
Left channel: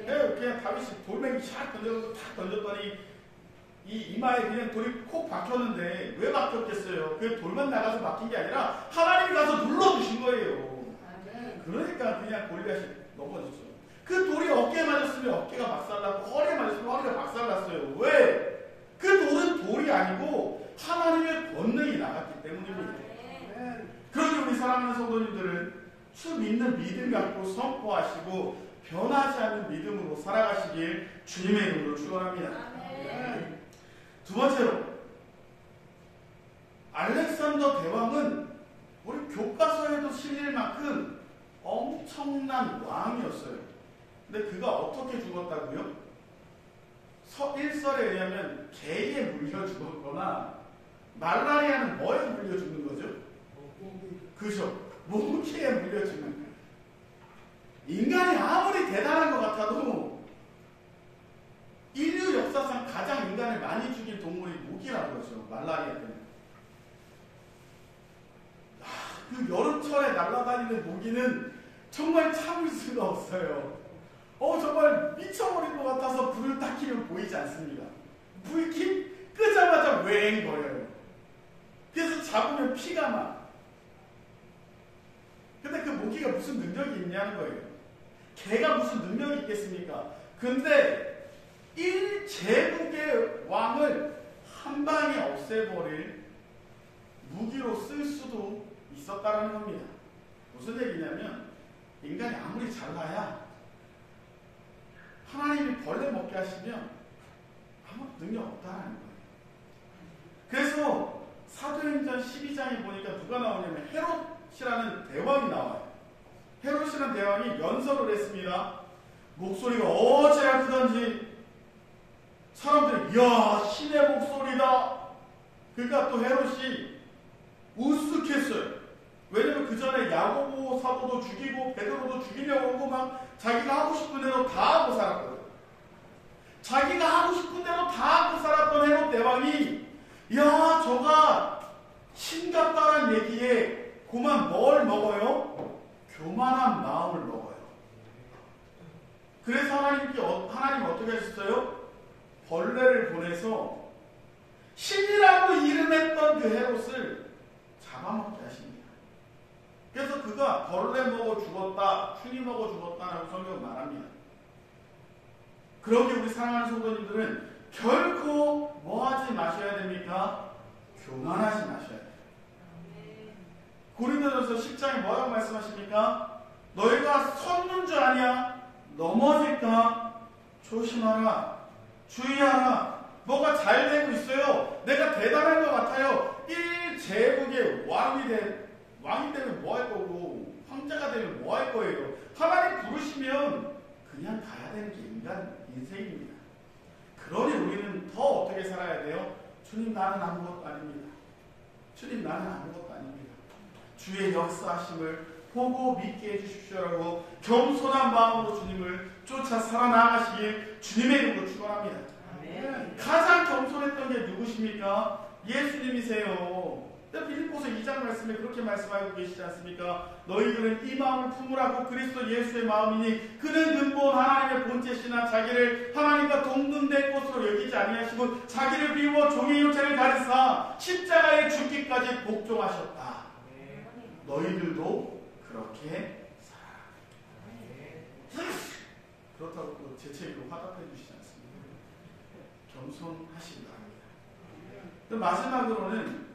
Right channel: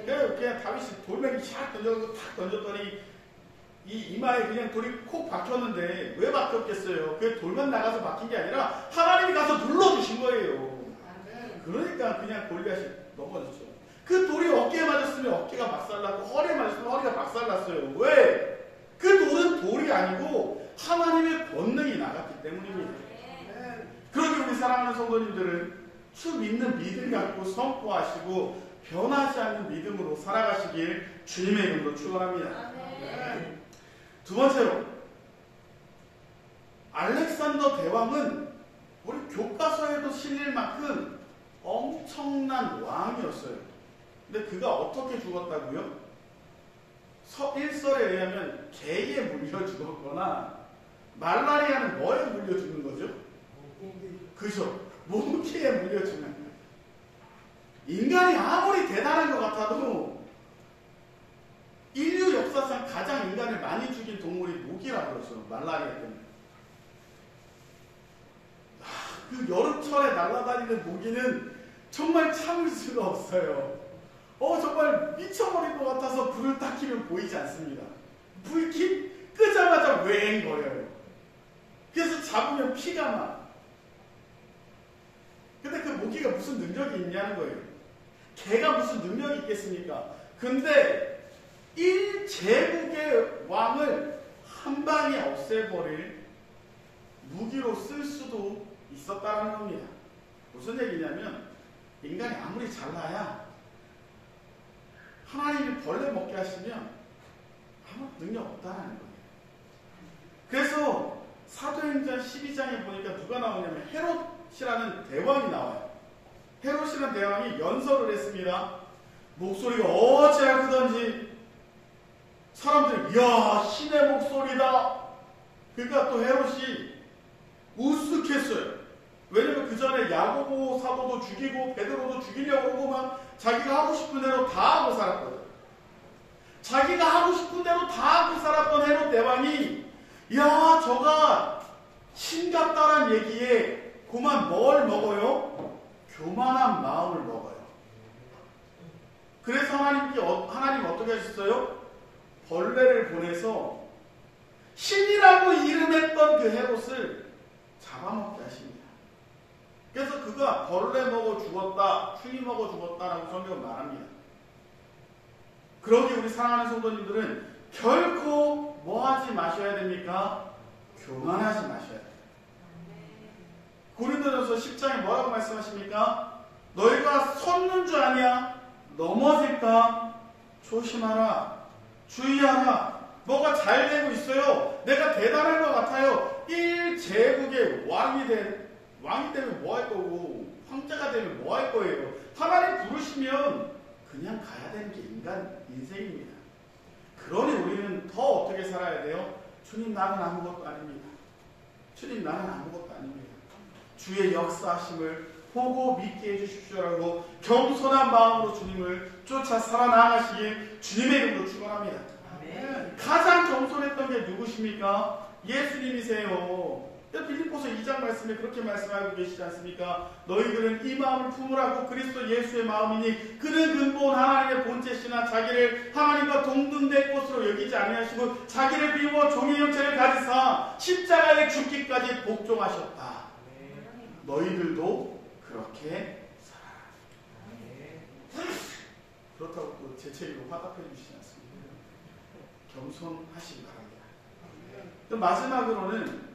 그냥 다윗이 돌멩이 샥 던졌더니 이 이마에 그냥 돌이 콕 박혔는데 왜 박혔겠어요? 그 돌만 나가서 박힌 게 아니라 하나님이 가서 눌러주신 거예요. 그러니까 그냥 골리앗이 넘어졌죠. 그 돌이 어깨에 맞았으면 어깨가 박살났고 허리에 맞았으면 허리가 박살났어요. 왜? 그 돌은 돌이 아니고 하나님의 권능이 나갔기 때문입니다. 그러기 우리 사랑하는 성도님들은 주 믿는 믿음 갖고 선포하시고 변하지 않는 믿음으로 살아가시길 주님의 이름으로 축원합니다. 두 번째로, 알렉산더 대왕은 우리 교과서에도 실릴 만큼 엄청난 왕이었어요. 근데 그가 어떻게 죽었다고요? 일설에 의하면 개에 물려 죽었거나 말라리아는 뭐에 물려 죽는 거죠? 그죠? 모기에 물려 죽는. 인간이 아무리 대단한 것 같아도 인류 역사상 가장 인간을 많이 죽인 동물이 모기라고 그러죠. 말라리아 때문에. 그 여름철에 날아다니는 모기는 정말 참을 수가 없어요. 정말 미쳐버릴 것 같아서 불을 딱 켜면 보이지 않습니다. 불 끄자마자 웽거려요. 그래서 잡으면 피가 나. 근데 그 모기가 무슨 능력이 있냐는 거예요. 개가 무슨 능력이 있겠습니까? 근데 1제국의 왕을 한 방에 없애버릴 무기로 쓸 수도 있었다는 겁니다. 무슨 얘기냐면 인간이 아무리 잘나야 하나님이 벌레 먹게 하시면 아무 능력 없다는 거예요. 그래서 사도행전 12장에 보니까 누가 나오냐면 헤롯이라는 대왕이 나와요. 헤롯이라는 대왕이 연설을 했습니다. 목소리가 어찌나 크던지 사람들이 이야 신의 목소리다. 그러니까 또 헤롯이 우스갯어요. 왜냐면 그 전에 야고보 사도도 죽이고 베드로도 죽이려고 하고 막 자기가 하고 싶은 대로 다 하고 살았거든. 자기가 하고 싶은 대로 다 하고 살았던 헤롯 대왕이 야 저가 신 같다란 얘기에 그만 뭘 먹어요? 교만한 마음을 먹어요. 그래서 하나님 어떻게 하셨어요? 벌레를 보내서 신이라고 이름했던 그 헤롯을 잡아먹게 하십니다. 그래서 그가 벌레 먹어 죽었다, 흉이 먹어 죽었다라고 성경은 말합니다. 그러기에 우리 사랑하는 성도님들은 결코 뭐 하지 마셔야 됩니까? 교만하지 마셔야 돼요. 고린도전서 10장에 뭐라고 말씀하십니까? 너희가 섰는 줄 아냐? 넘어질까? 조심하라. 주의하라. 뭐가 잘 되고 있어요. 내가 대단한 것 같아요. 1제국의 왕이 되면 뭐 할 거고 황제가 되면 뭐 할 거예요. 하나님 부르시면 그냥 가야 되는 게 인간 인생입니다. 그러니 우리는 더 어떻게 살아야 돼요? 주님 나는 아무것도 아닙니다. 주님 나는 아무것도 아닙니다. 주의 역사하심을 보고 믿게 해주십시오라고 겸손한 마음으로 주님을 쫓아 살아나가시길 주님의 이름으로 축원합니다. 가장 겸손했던 게 누구십니까? 예수님이세요. 빌립보서 2장 말씀에 그렇게 말씀하고 계시지 않습니까? 너희들은 이 마음을 품으라고 그리스도 예수의 마음이니 그는 근본 하나님의 본체시나 자기를 하나님과 동등된 것으로 여기지 아니하시고 자기를 비워 종의 형체를 가지사 십자가에 죽기까지 복종하셨다. 너희들도 그렇게 살아라. 그렇다고 또 제 책으로 화답해 주시지 않습니까? 겸손하시기 바랍니다. 마지막으로는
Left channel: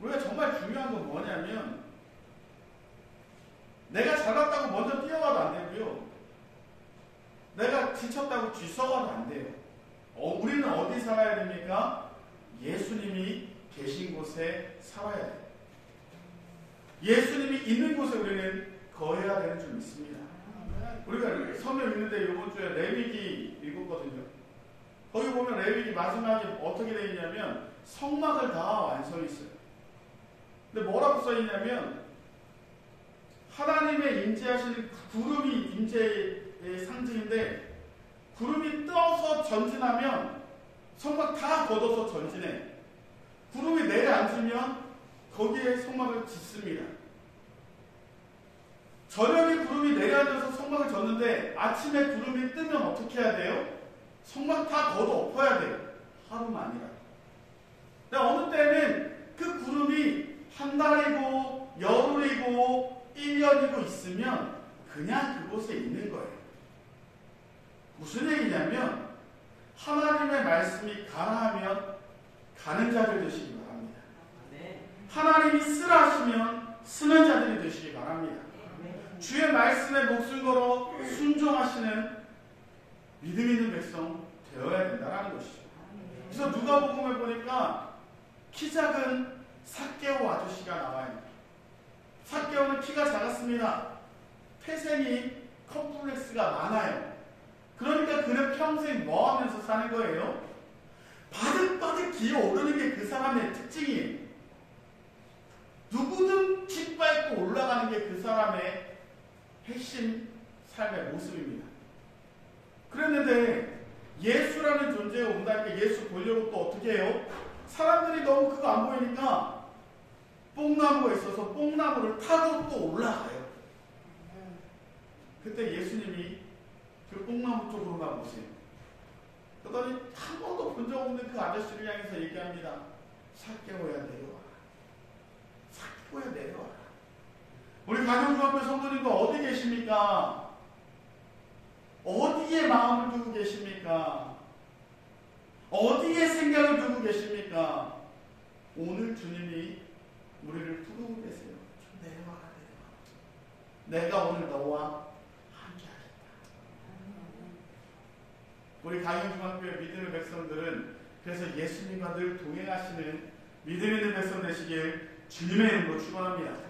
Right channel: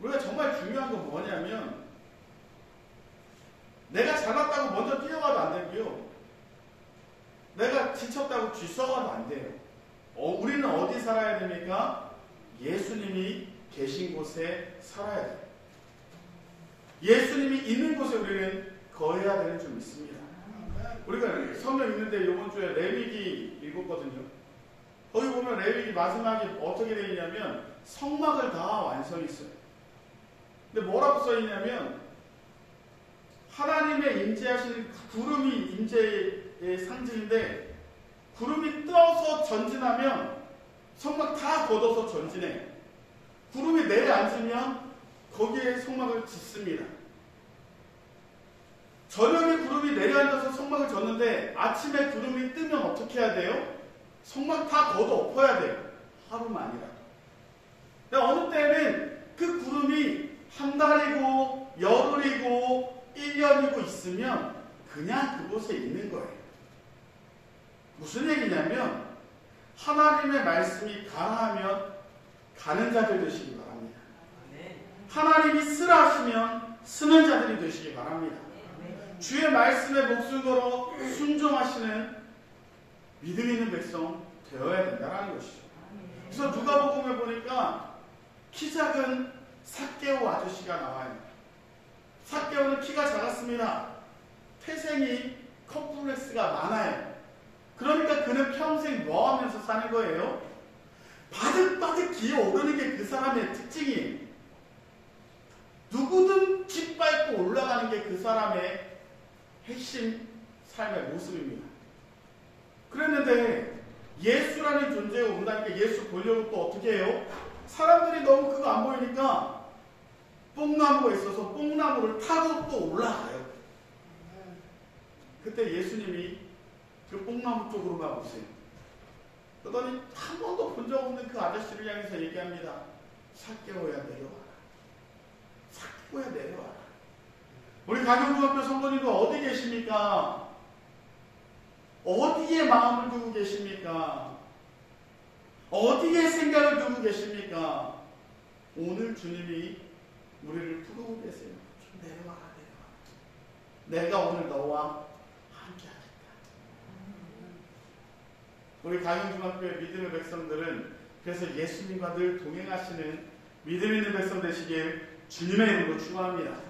우리가 정말 중요한 건 뭐냐면 내가 잘났다고 먼저 뛰어가도 안 되고요. 내가 지쳤다고 뒤썩어도 안 돼요. 우리는 어디 살아야 됩니까? 예수님이 계신 곳에 살아야 돼요. 예수님이 있는 곳에 우리는 거해야 되는 줄 믿습니다. 우리가 성경 읽는데 이번 주에 레위기 읽었거든요. 거기 보면 레위기 마지막에 어떻게 되어 있냐면 성막을 다 완성했어요. 근데 뭐라고 써 있냐면 하나님의 임재하시는 구름이 임재의 상징인데 구름이 떠서 전진하면 성막 다 걷어서 전진해. 구름이 내려앉으면 거기에 성막을 짓습니다. 저녁에 구름이 내려앉아서 성막을 졌는데 아침에 구름이 뜨면 어떻게 해야 돼요? 성막 다 걷어 엎어야 돼요. 하루만이라도. 근데 어느 때는 그 구름이 한 달이고 열흘이고 1년이고 있으면 그냥 그곳에 있는 거예요. 무슨 얘기냐면 하나님의 말씀이 가라 하면 가는 자들 되시기 바랍니다. 하나님이 쓰라 하시면 쓰는 자들이 되시기 바랍니다. 주의 말씀에 목숨 걸어 순종하시는 믿음 있는 백성 되어야 된다는 것이죠. 그래서 누가복음에 보니까 키 작은 삭개오 아저씨가 나와요. 삭개오는 키가 작았습니다. 태생이 컴플렉스가 많아요. 그러니까 그는 평생 뭐 하면서 사는 거예요? 바득바득 기어오르는 게 그 사람의 특징이에요. 누구든 짓밟고 올라가는 게 그 사람의 핵심 삶의 모습입니다. 그랬는데 예수라는 존재가 온다니까 예수 보려고 또 어떻게 해요? 사람들이 너무 그거 안 보이니까 뽕나무가 있어서 뽕나무를 타고 또 올라가요. 그때 예수님이 그 뽕나무 쪽으로만 오세요. 그러더니 한 번도 본 적 없는 그 아저씨를 향해서 얘기합니다. 삭개오야 내려와라. 삭개오야 내려와라. 우리 가경중학교 성도님도 어디 계십니까? 어디에 마음을 두고 계십니까? 어디에 생각을 두고 계십니까? 오늘 주님이 우리를 부르고 계세요. 좀 내려와라, 내려와라. 내가 오늘 너와 함께 하겠다. 우리 가경중학교의 믿음의 백성들은 그래서 예수님과 늘 동행하시는 믿음 있는 백성 되시길 주님의 이름으로 축원합니다.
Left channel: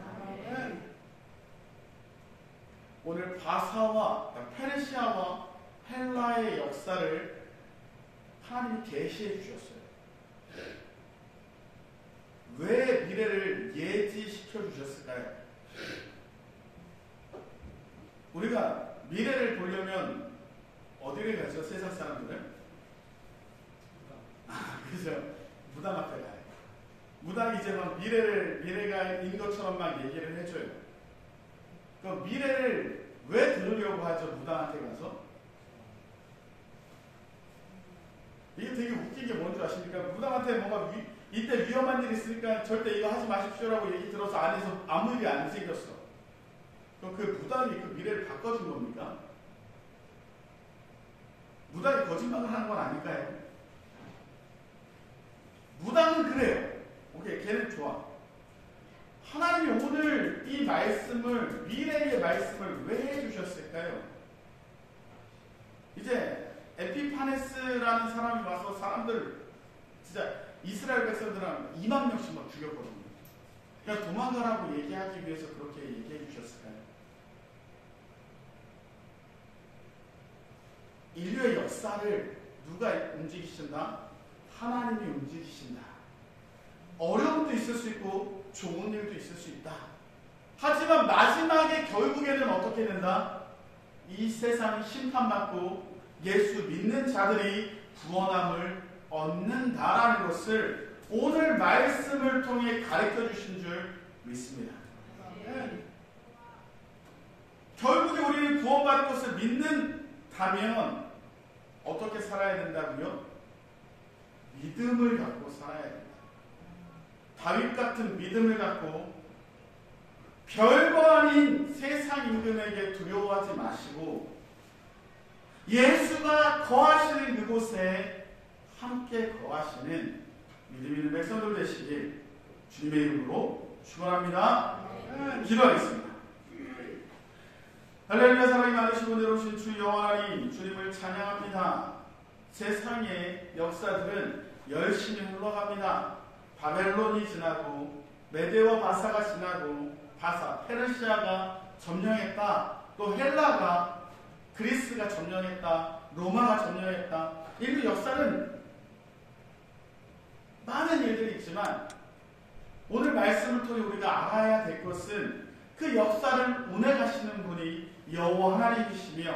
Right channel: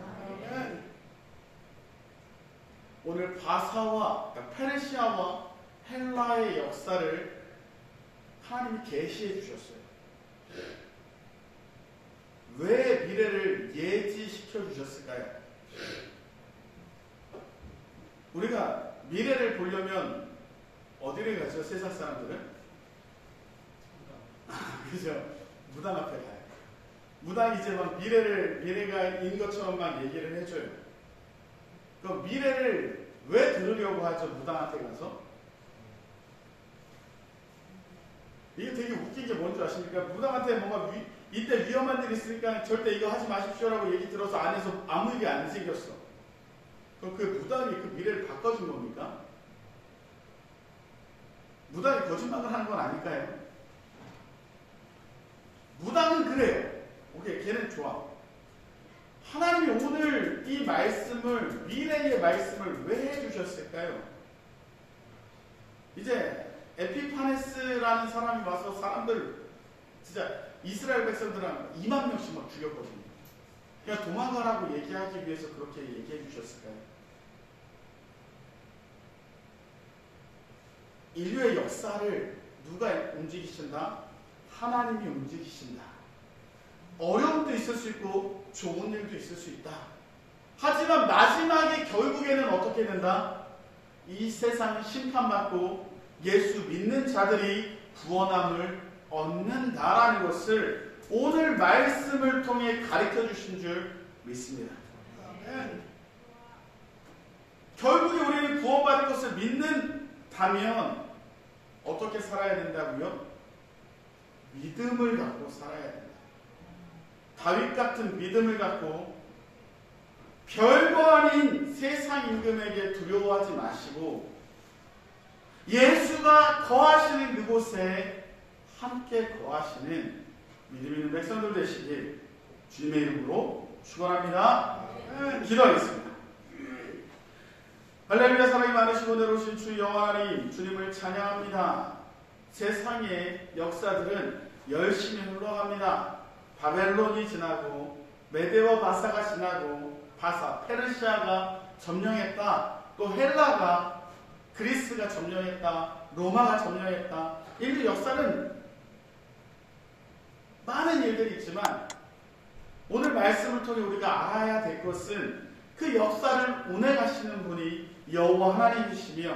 오늘 바사와 페르시아와 헬라의 역사를 하나님이 계시해 주셨어요. 왜 미래를 예지시켜 주셨을까요? 우리가 미래를 보려면 어디를 가죠? 세상 사람들은? 그죠? 무당 앞에 가요. 무당이 이제 막 미래가인 것처럼 막 얘기를 해줘요. 그럼 미래를 왜 들으려고 하죠? 무당한테 가서? 이게 되게 웃긴 게 뭔지 아십니까? 무당한테 뭔가 이때 위험한 일이 있으니까 절대 이거 하지 마십시오라고 얘기 들어서 안에서 아무 일이 안 생겼어. 그럼 그 무당이 그 미래를 바꿔준 겁니까? 무당이 거짓말을 하는 건 아닐까요? 무당은 그래요. 오케이, 걔는 좋아. 하나님이 오늘 이 말씀을, 미래의 말씀을 왜 해주셨을까요? 이제 에피파네스라는 사람이 와서 사람들, 진짜 이스라엘 백성들은 2만 명씩 막 죽였거든요. 그냥 도망가라고 얘기하기 위해서 그렇게 얘기해 주셨을까요? 인류의 역사를 누가 움직이신다? 하나님이 움직이신다. 어려움도 있을 수 있고 좋은 일도 있을 수 있다. 하지만 마지막에 결국에는 어떻게 된다? 이 세상이 심판받고 예수 믿는 자들이 구원함을 얻는다라는 것을 오늘 말씀을 통해 가르쳐 주신 줄 믿습니다. 결국에 우리는 구원받은 것을 믿는다면 어떻게 살아야 된다고요? 믿음을 갖고 살아야 된다. 다윗 같은 믿음을 갖고 별거 아닌 세상 임금에게 두려워하지 마시고 예수가 거하시는 그곳에 함께 거하시는 믿음 있는 백성들 되시길 주님의 이름으로 축원합니다. 기도하겠습니다. 할렐루야. 사랑이 많으시고 내려오신 주 여호와 하나님, 주님을 찬양합니다. 세상의 역사들은 열심히 흘러갑니다. 바벨론이 지나고 메대와 바사가 지나고 페르시아가 점령했다. 또 헬라가, 그리스가 점령했다. 로마가 점령했다. 인류 역사는 많은 일들이 있지만 오늘 말씀을 통해 우리가 알아야 될 것은 그 역사를 운행하시는 분이 여호와 하나님이시며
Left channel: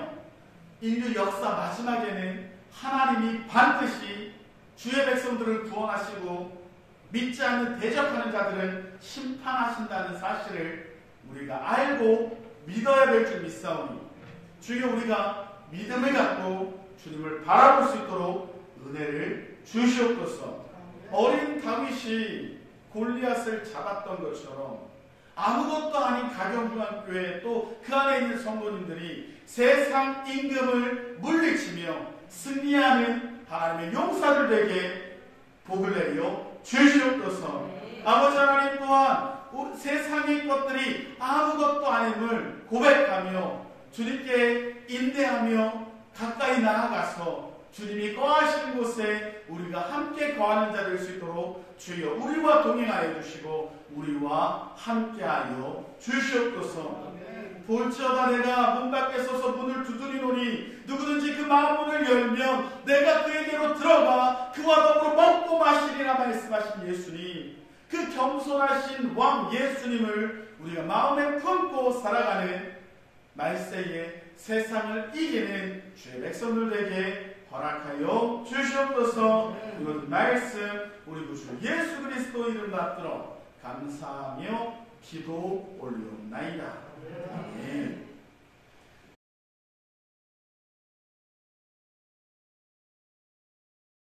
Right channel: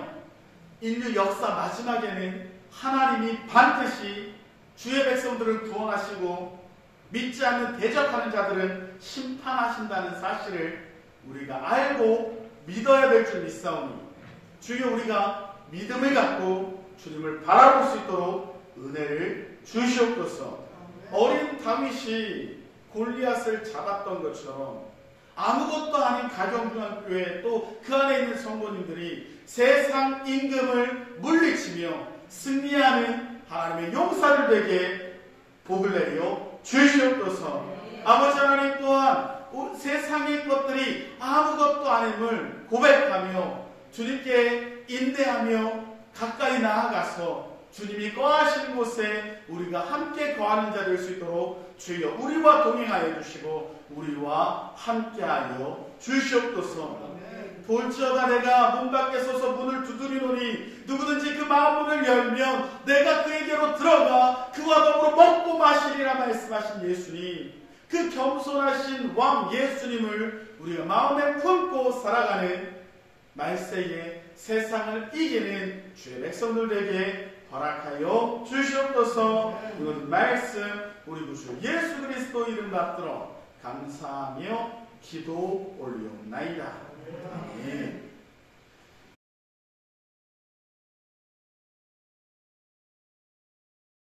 인류 역사 마지막에는 하나님이 반드시 주의 백성들을 구원하시고 믿지 않는 대적하는 자들은 심판하신다는 사실을 우리가 알고 믿어야 될 줄 믿사오니 주여 우리가 믿음을 갖고 주님을 바라볼 수 있도록 은혜를 주시옵소서. 어린 다윗이 골리앗을 잡았던 것처럼 아무것도 아닌 가경중학교에 또 그 안에 있는 성도님들이 세상 임금을 물리치며 승리하는 하나님의 용사들 되게 복을 내려 주시옵소서. 아버지 하나님 또한 세상의 것들이 아무것도 아님을 고백하며 주님께 인내하며 가까이 나아가서 주님이 거하시는 곳에 우리가 함께 거하는 자 될 수 있도록 주여 우리와 동행하여 주시고 우리와 함께하여 주시옵소서. 볼지어다 내가 문 밖에 서서 문을 두드리노니 누구든지 그 마음문을 열면 내가 그에게로 들어가 그와 더불어 먹고 마시리라 말씀하신 예수님, 그 겸손하신 왕 예수님을 우리가 마음에 품고 살아가는 말세에 세상을 이기는 주의 백성들에게 허락하여 주시옵소서. 이런 말씀 우리 구주 예수 그리스도 이름 받들어 감사하며 기도 올리옵나이다. 아멘.